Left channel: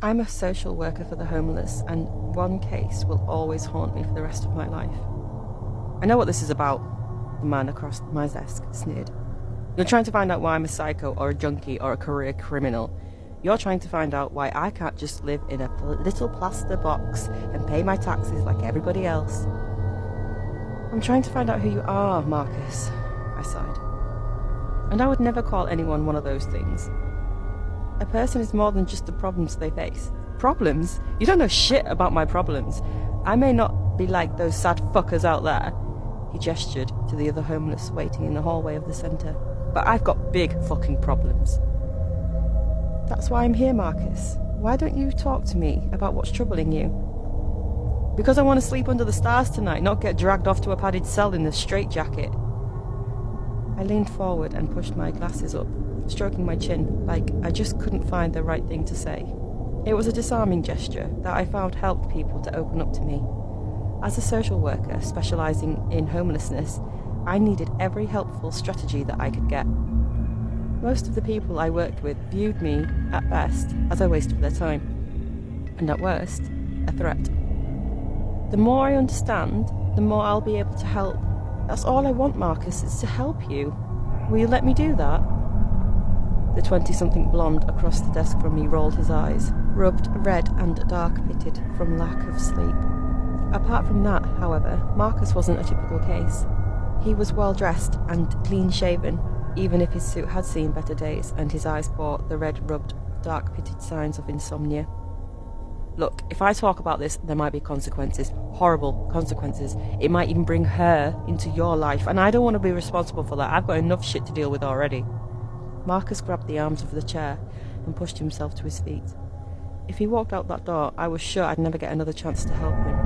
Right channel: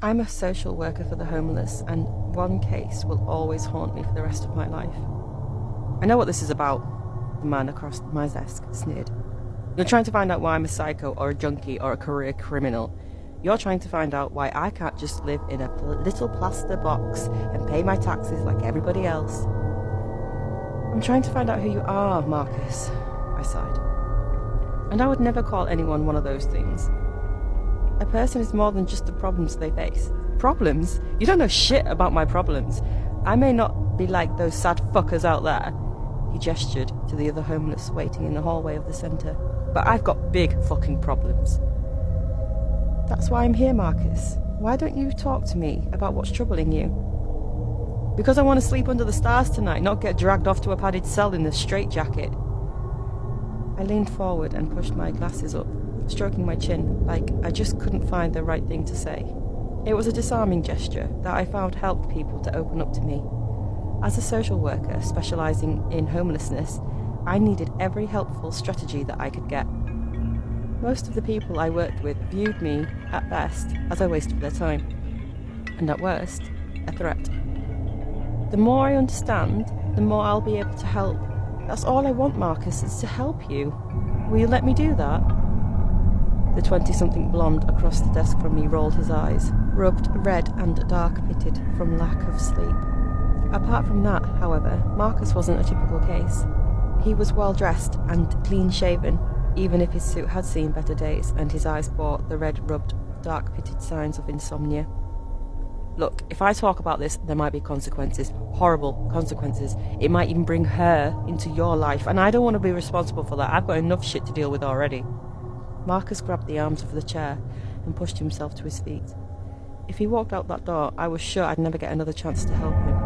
I'm a social worker for the homeless, and one case will always haunt me for the rest of my life. I know what this is about, the man across my desk sneered. You're trying to find out why I'm a psycho or a junkie or a career criminal. You're trying to find out why I can't just live in a little plaster box and pay my taxes like everybody else. I'm trying to find out who you are, Marcus, I sighed. And I would never call anyone one of those things. A person is more than just the problems they face. Problems? You don't know shit about my problems. I may not be like those sad fuckers out there. He gestured to the other homeless waiting in the hallway of the centre. But I've got big fucking problems. That's why I'm here, Marcus. Why don't you talk to me about what's troubling you? Because I want to sleep under the stars tonight, not get dragged off to a padded cell in a straitjacket. I leaned forward and pushed my glasses up, stroking my chin, like I just couldn't find the right thing to say. It was a disarming gesture that I found helped people to open up to me. As a social worker specialising in homelessness, I needed every helpful strategy that I could get. Most of the people I worked with viewed me, at best, as a waste of their time, and at worst, a threat. The more I understand, the more I'll be able to help. That's all I want, Marcus, is to help you. Will you let me do that? The 20-something blonde across the desk from me rolled his eyes, rubbed red and dark-pitted from lack of sleep. Apart from that, however, Marcus wasn't a typical case. He was well-dressed and clean-shaven, even if his suit had seen better days and his eyes bore the red-rubbed, dark-pitted signs of insomnia. Look, if I talk about this, there might be consequences. Horrible consequences. It might even bring her into your life, and I don't want to be responsible for that. I've got enough shit to deal with already. Marcus grabbed the arms of the chair and pushed himself to his feet. If he walked out that door, I was sure I'd never get another chance to help him.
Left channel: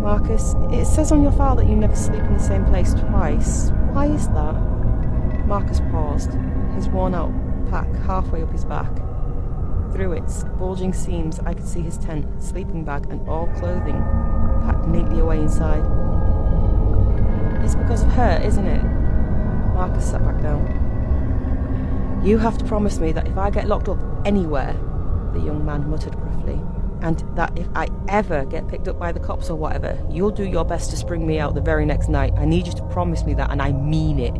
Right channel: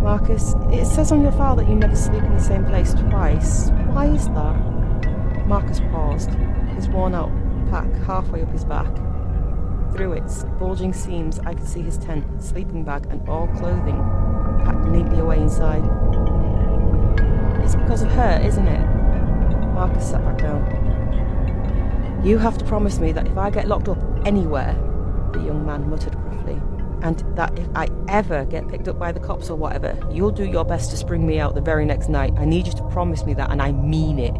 Marcus, it says on your file that you never sleep in the same place twice. Why is that? Marcus paused, his worn-out pack halfway up his back. Through its bulging seams, I could see his tent, sleeping bag, and all clothing packed neatly away inside. It's because of her, isn't it? Marcus sat back down. You have to promise me that if I get locked up anywhere, the young man muttered gruffly, and that if I ever get picked up by the cops or whatever, you'll do your best to spring me out the very next night. I need you to promise me that, and I mean it.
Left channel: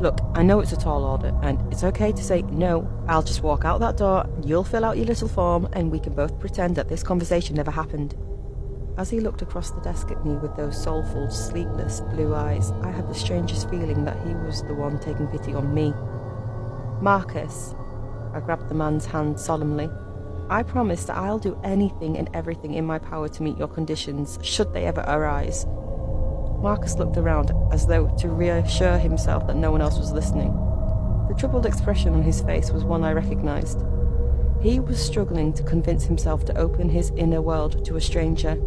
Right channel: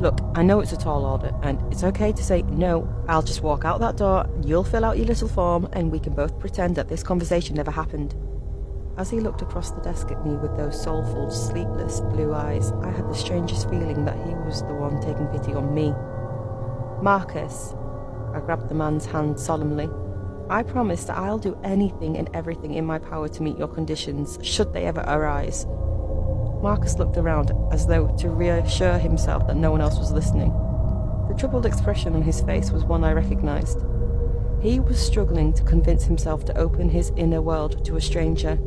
Look, I know it's a tall order, and it's okay to say no. I'll just walk out that door, you'll fill out your little form, and we can both pretend that this conversation never happened. As he looked across the desk at me with those soulful, sleepless blue eyes, I had the strangest feeling that he was the one taking pity on me. Marcus, I grabbed the man's hand solemnly. I promise that I'll do anything and everything in my power to meet your conditions, should they ever arise. Marcus looked around as though to reassure himself that no one else was listening. The troubled expression on his face was one I recognised. He was struggling to convince himself to open his inner world to a stranger.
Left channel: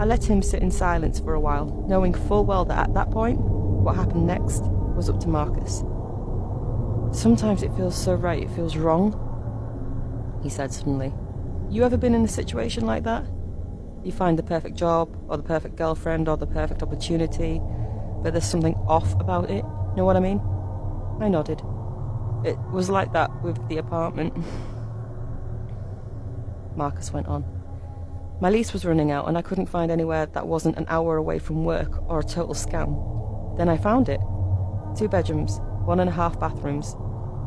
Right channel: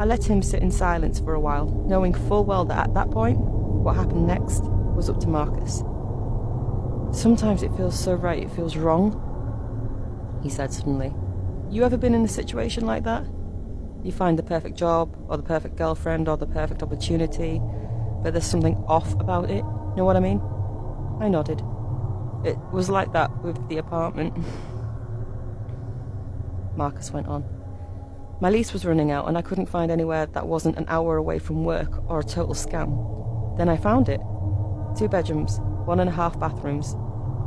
I let him sit in silence for a while, knowing full well that at that point, what happened next was up to Marcus. Sometimes it feels so right it feels wrong, he said suddenly. You ever been in a situation like that? You find the perfect job, or the perfect girlfriend, or the perfect opportunity, but there's something off about it, know what I mean? I nodded. It was like that with the apartment. Marcus went on. My lease was running out and I couldn't find anywhere that wasn't an hour away from work or a total scam. Then I found it. 2 bedrooms, 1.5 bathrooms,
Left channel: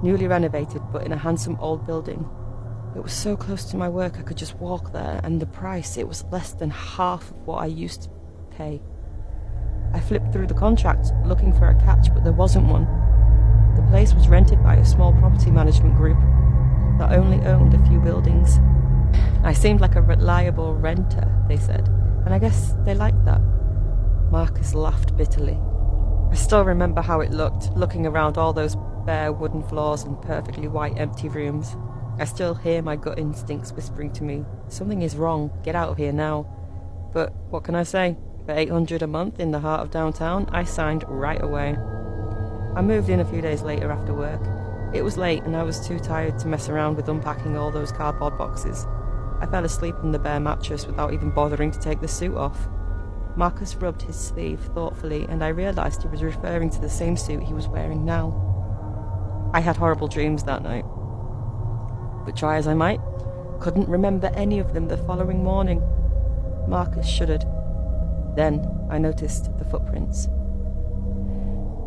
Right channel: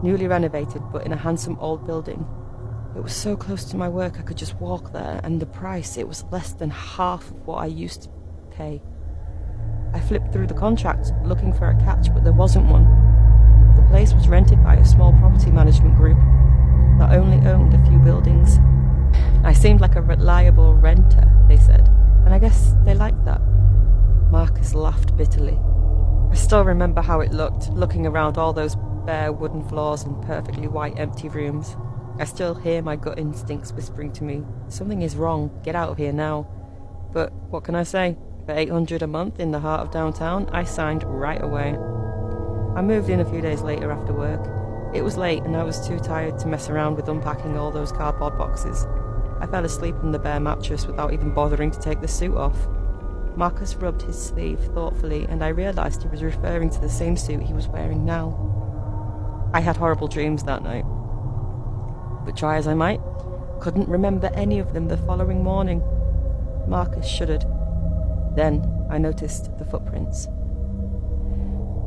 newly renovated but in a handsome old building. It was so close to my work I could just walk there, and the price, it was less than half of what I used to pay. I flipped through the contract looking for a catch, but there wasn't one. The place was rented by a small property management group that only owned a few buildings. I seemed like a reliable renter, they said, and I guess they liked that. Marcus laughed bitterly. I still remember how it looked, looking around all those bare wooden floors and perfectly white empty rooms. I still hear my gut instincts whispering to me, something is wrong, get out of here now. But what can I say? For $800 a month in the heart of downtown, I signed right away. I moved in a few days later after work. It was late and I was too tired to mess around with unpacking all those cardboard boxes. I fell asleep on the bare mattress without even bothering to take the suit off. Marcus rubbed his sleeve thoughtfully, and I realised he was referring to the same suit he was wearing now. I had horrible dreams that night. But try as I might, couldn't remember any of them the following morning. Marcus shuddered. Then I noticed the footprints.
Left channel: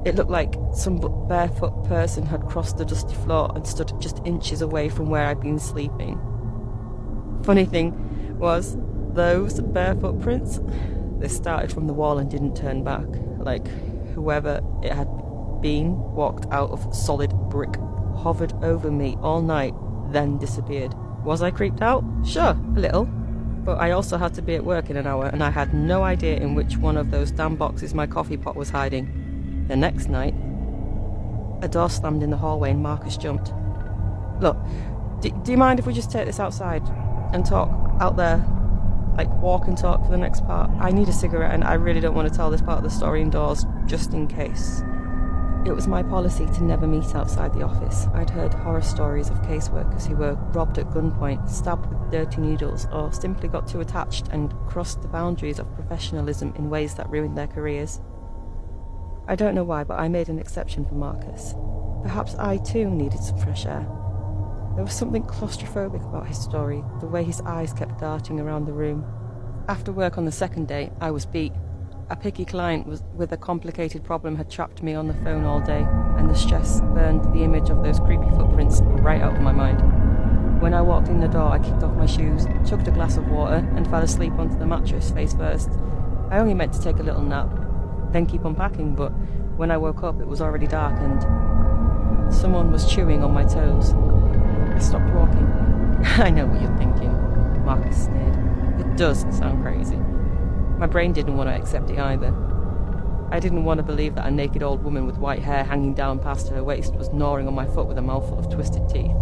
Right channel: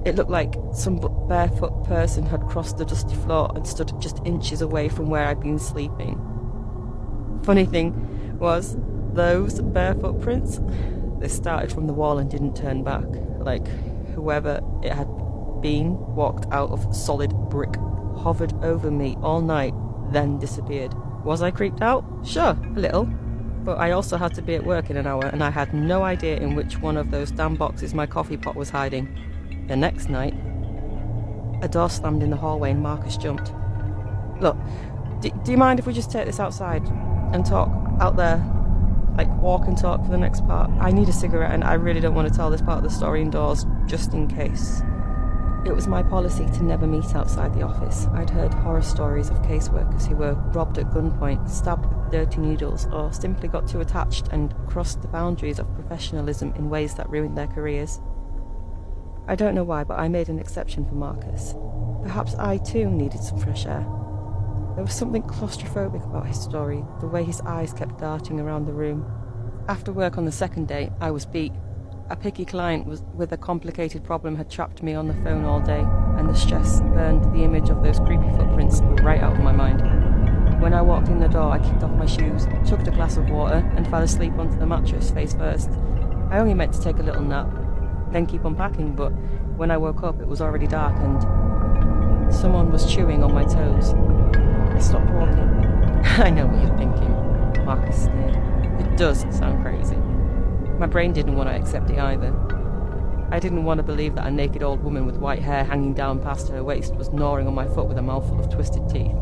It looked like some barefoot person had crossed the dusty floor and stood just inches away from where I'd been sleeping. Funny thing was, those barefoot prints, they started from the wall and didn't turn back, like whoever it had been walked out of solid brick, hovered over me all night, then disappeared. Was I creeped out? Sure, a little. But I also had to be at work in an hour, and I had no idea in which one of those damn boxes my coffee pot was hiding. The next night, a door slammed in the hallway and Marcus jumped. Look, do you mind if we just take this outside and talk out there? Like, walk and talk for the next part? I need a cigarette and I really don't want to tell this part of the story indoors, just in case. It was my policy to never meet outside the office. I'd heard horror stories of caseworkers who were robbed at gunpoint, stabbed with dirty needles, or simply got too attached and crossed the boundaries of professionalism in ways that ruined their careers. I don't know why, but I made an exception for Marcus. Perhaps I too needed some fresh air. There was something claustrophobic about his story, the way his eyes kept darting around the room. After work on the second day, I was beat. A picky client with a complicated problem had trapped me on the phone all day, and the stress burned the image of those creepy footprints right out of my mind. When I walked in the door, I kicked off my shoes, chugged a glass of water, and fell asleep onto the mattress face first. I only meant to take a little nap, then keep unpacking, but when I woke up it was already dark and someone was chewing on my toes. I stopped walking. I know what you're thinking, Marcus sneered. It does sound crazy. My brain didn't want to accept it either. I didn't want to believe that a naked old woman with white hair hanging down past her waist was gnawing on my foot with a mouthful of twisted teeth.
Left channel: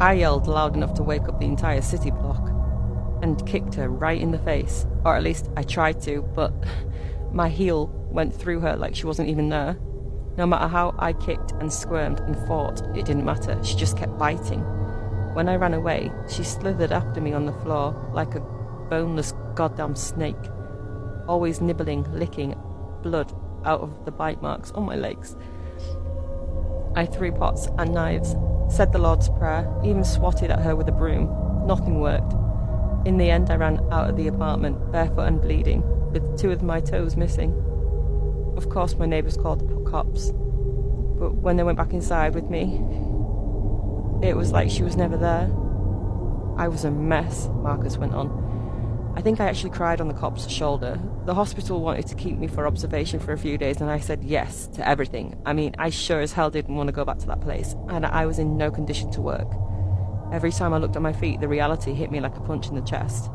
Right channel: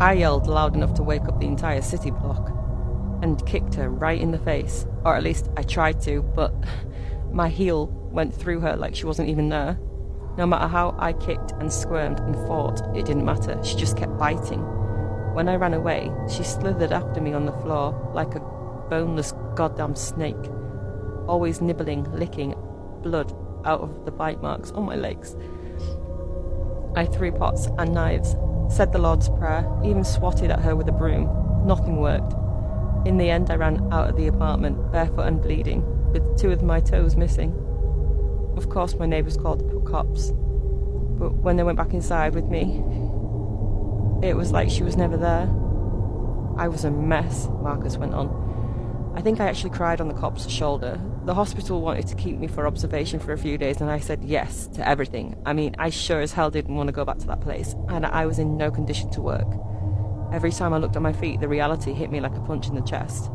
I yelled loud enough to wake up the entire city block and kicked her right in the face, or at least I tried to, but my heel went through her like she wasn't even there. No matter how I kicked and squirmed and fought, it didn't matter. She just kept biting. When I ran away, she slithered after me on the floor like a boneless goddamn snake, always nibbling, licking blood out of the bite marks on my legs. I threw pots and knives, said the Lord's Prayer, even swatted at her with a broom. Nothing worked. In the end, I ran out of the apartment, barefoot and bleeding, with 2 of my toes missing. Of course, my neighbours called the cops, but when they went back inside with me, it was like she was never there. I was a mess, Marcus went on. I think I actually cried on the cop's shoulder. The hospital wanted to keep me for observation for a few days, and I said yes to everything. I mean, I sure as hell didn't want to go back to that place, and I was in no condition to work. Every time I looked at my feet, the reality hit me like a punch in the chest.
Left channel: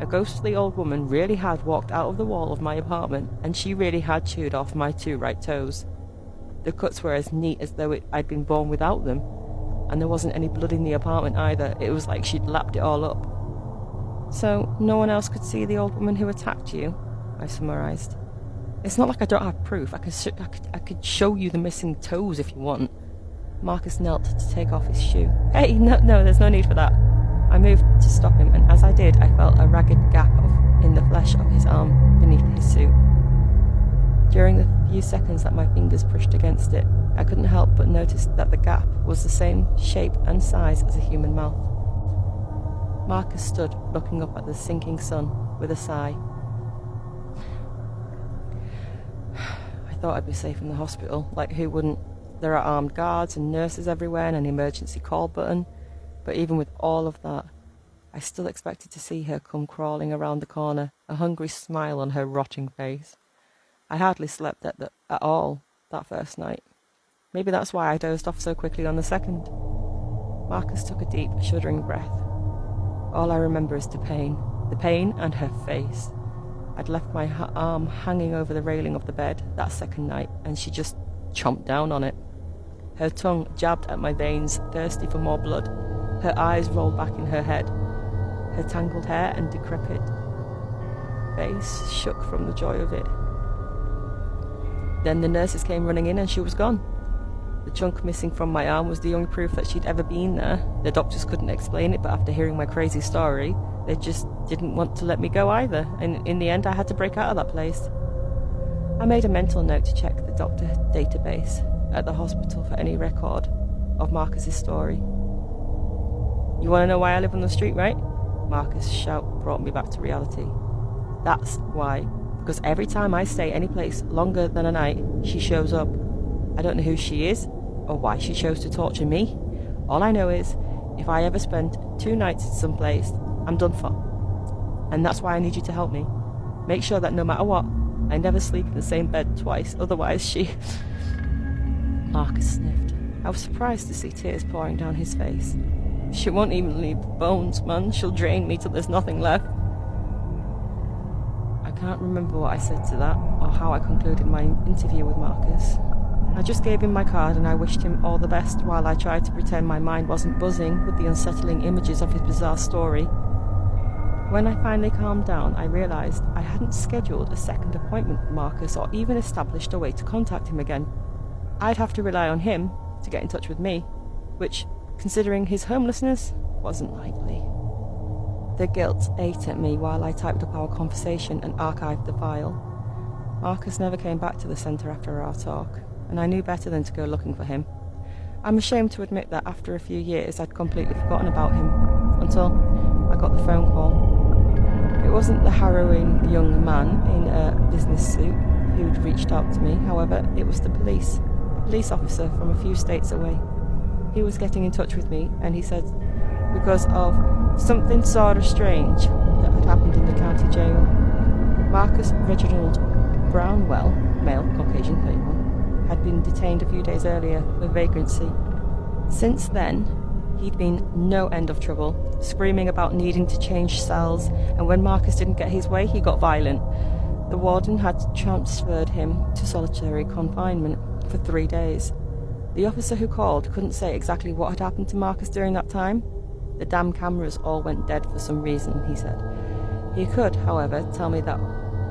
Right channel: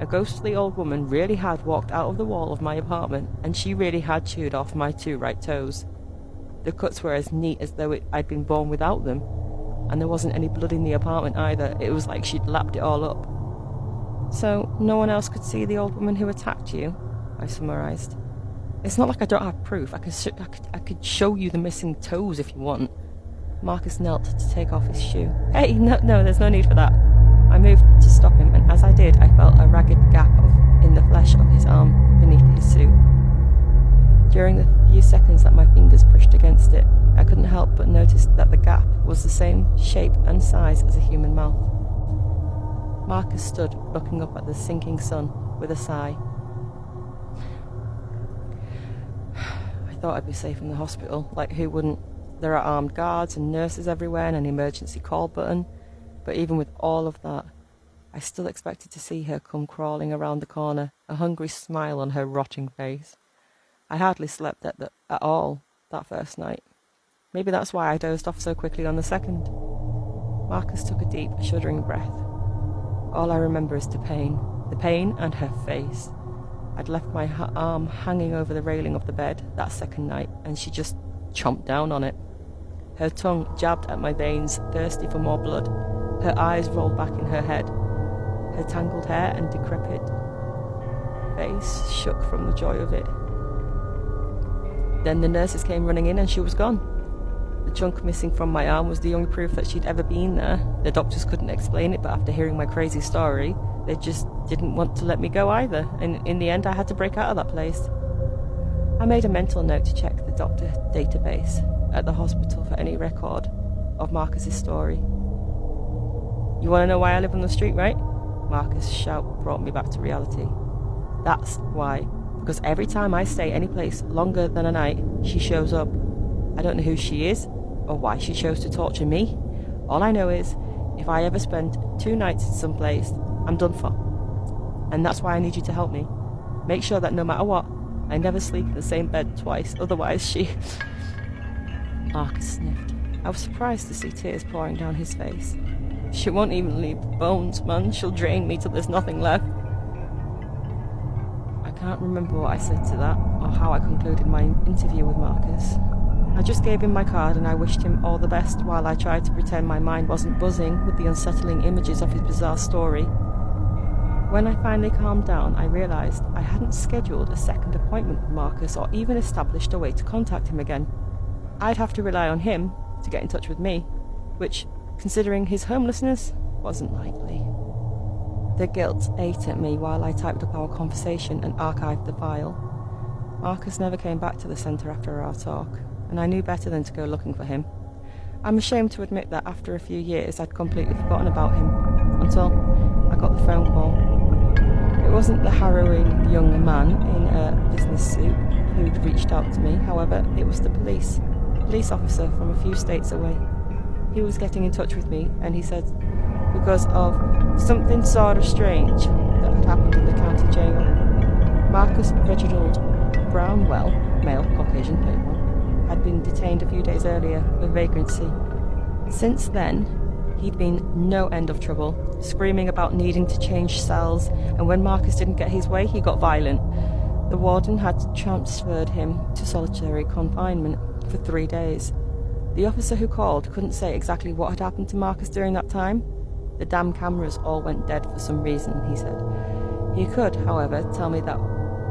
A ghostly old woman really had walked out of the wall of my apartment, and she really had chewed off my 2 right toes. The cuts were as neat as though I'd been born without them, and there wasn't any blood in the apartment either. It was like she'd lapped it all up. So, no one else could see the old woman who attacked you? I summarised. It's not like I don't have proof. I could show you the missing toes if you want. Marcus knelt to take off his shoe. Hey, no, there's no need for that. I moved to stop him, and as I did, I felt a ragged gap in the flesh of his arm beneath his suit. During the few seconds that my fingers pushed against it, I couldn't help but notice that the gap was the same shape and size as a human mouth. Marcus stood looking up at the sinking sun with a sigh. I thought I'd be safe in the hospital. Like, who wouldn't? There are armed guards and nurses everywhere and an emergency call button. But even with all of that, I still expected to see her come crawling around the corner, a hungry smile on her rotting face. I hardly slept at all that first night. Maybe that's why I dozed off so quickly on the second. Marcus took a deep, shuddering breath. All I remember is the pain and her face. I'd left my arm hanging over the railing of the bed that second night, and she just chomped down on it. Her tongue jabbed at my veins, thirsty for more blood. Her eyes rolled back in her head. Her tangled hair and decrepit face shook from the joy of it. Then the nurses came running in and she was gone. The chunk missing from my arm was the only proof that she'd ever been there. The doctors couldn't explain it, but after hearing my crazy story, they just didn't want to let me go either, and in the end I had to break out of that place. I made a mental note to check the doctor database at the hospital for any record of Marcus's story. You want to know why I live on the street, right? Marcus' shout brought me back to reality. That's why. Because every time I stay any place longer than a night, she shows up. I don't know who she is, or why she chose to torture me. All I know is, if I ever spend 2 nights in some place, I'm done for. And that's why I need you to help me. Make sure that no matter what, I never sleep in the same bed twice, otherwise she... Marcus sniffed. I was surprised to see tears pouring down his face. She won't even leave the bones, man. She'll drain me till there's nothing left. I can't remember what I said to that, or how I concluded my interview with Marcus. I just gave him my card and I wished him all the best while I tried to pretend my mind wasn't buzzing with the unsettling images of his bizarre story. When I finally calmed down, I realised I hadn't scheduled a second appointment with Marcus or even established a way to contact him again. I'd have to rely on him to get in touch with me, which, considering his homelessness, wasn't likely. The guilt ate at me while I typed up our conversation and archived the file. Marcus never came back to the centre after our talk, and I knew better than to go looking for him. I'm ashamed to admit that after a few years I'd completely forgotten about him, until I got the phone call. It wasn't the harrowing young man in a business suit who'd reached out to me, however, it was the police officer from a few states away. He was getting in touch with me, and he said because of something sort of strange that had happened in the county jail. Marcus Reginald Brownwell, male, Caucasian, 31, had been detained a few days earlier for vagrancy. Since then, he'd been no end of trouble, screaming about needing to change cells, and when Marcus didn't get his way, he got violent. The warden had transferred him to solitary confinement for 3 days. The officer who called couldn't say exactly what had happened to Marcus during that time. The damn cameras all went dead for some reason, he said. He could, however, tell me that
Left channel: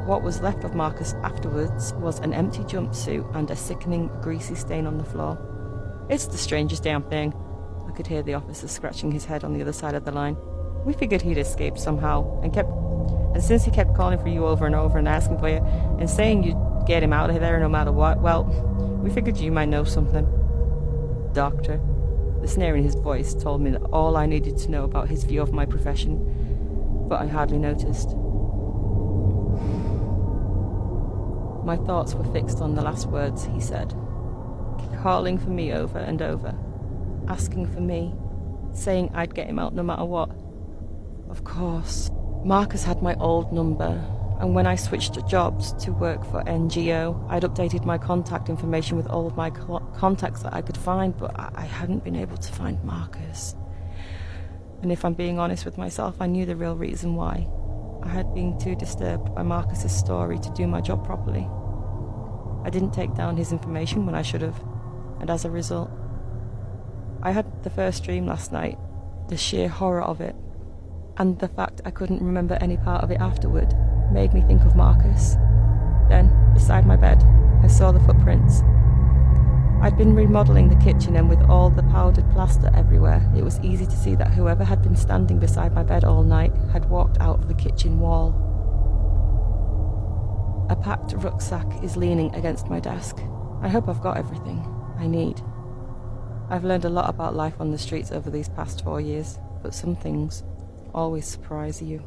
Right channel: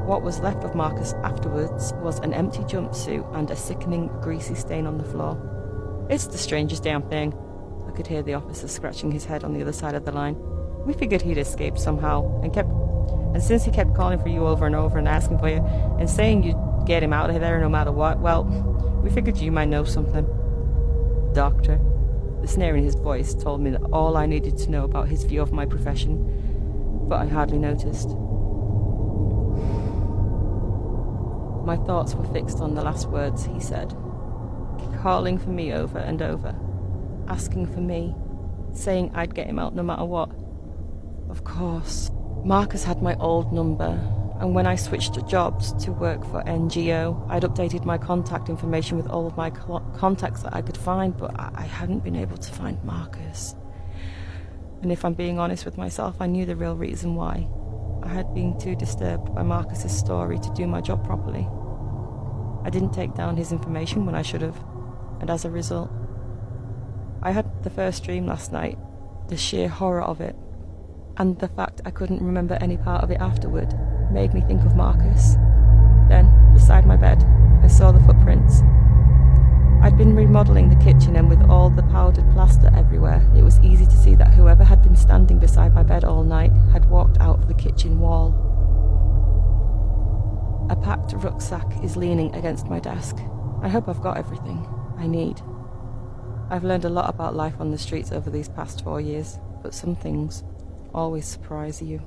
what was left of Marcus afterwards was an empty jumpsuit and a sickening, greasy stain on the floor. It's the strangest damn thing. I could hear the officer scratching his head on the other side of the line. We figured he'd escaped somehow, and since he kept calling for you over and over and asking for you, and saying you'd get him out of there no matter what, well, we figured you might know something. Doctor. The sneer in his voice told me that all I needed to know about his view of my profession, but I hardly noticed. My thoughts were fixed on the last words he said, calling for me over and over, asking for me, saying I'd get him out no matter what. Of course, Marcus had my old number, and when I switched jobs to work for NGO, I'd updated my contact information with all of my contacts that I could find, but I hadn't been able to find Marcus. And if I'm being honest with myself, I knew the real reason why. I had been too disturbed by Marcus's story to do my job properly. I didn't take down his information when I should have, and as a result, I had the first dream last night, the sheer horror of it, and the fact I couldn't remember any part of it afterward made me think of Marcus. Then, beside my bed, I saw the footprints. I'd been remodelling the kitchen, and with all the powdered plaster everywhere, it was easy to see that whoever had been standing beside my bed all night had walked out of the kitchen wall. A packed rucksack is leaning against my desk. I hope I've got everything I need. I've learned a lot about life on the streets over these past 4 years, but some things always surprise you.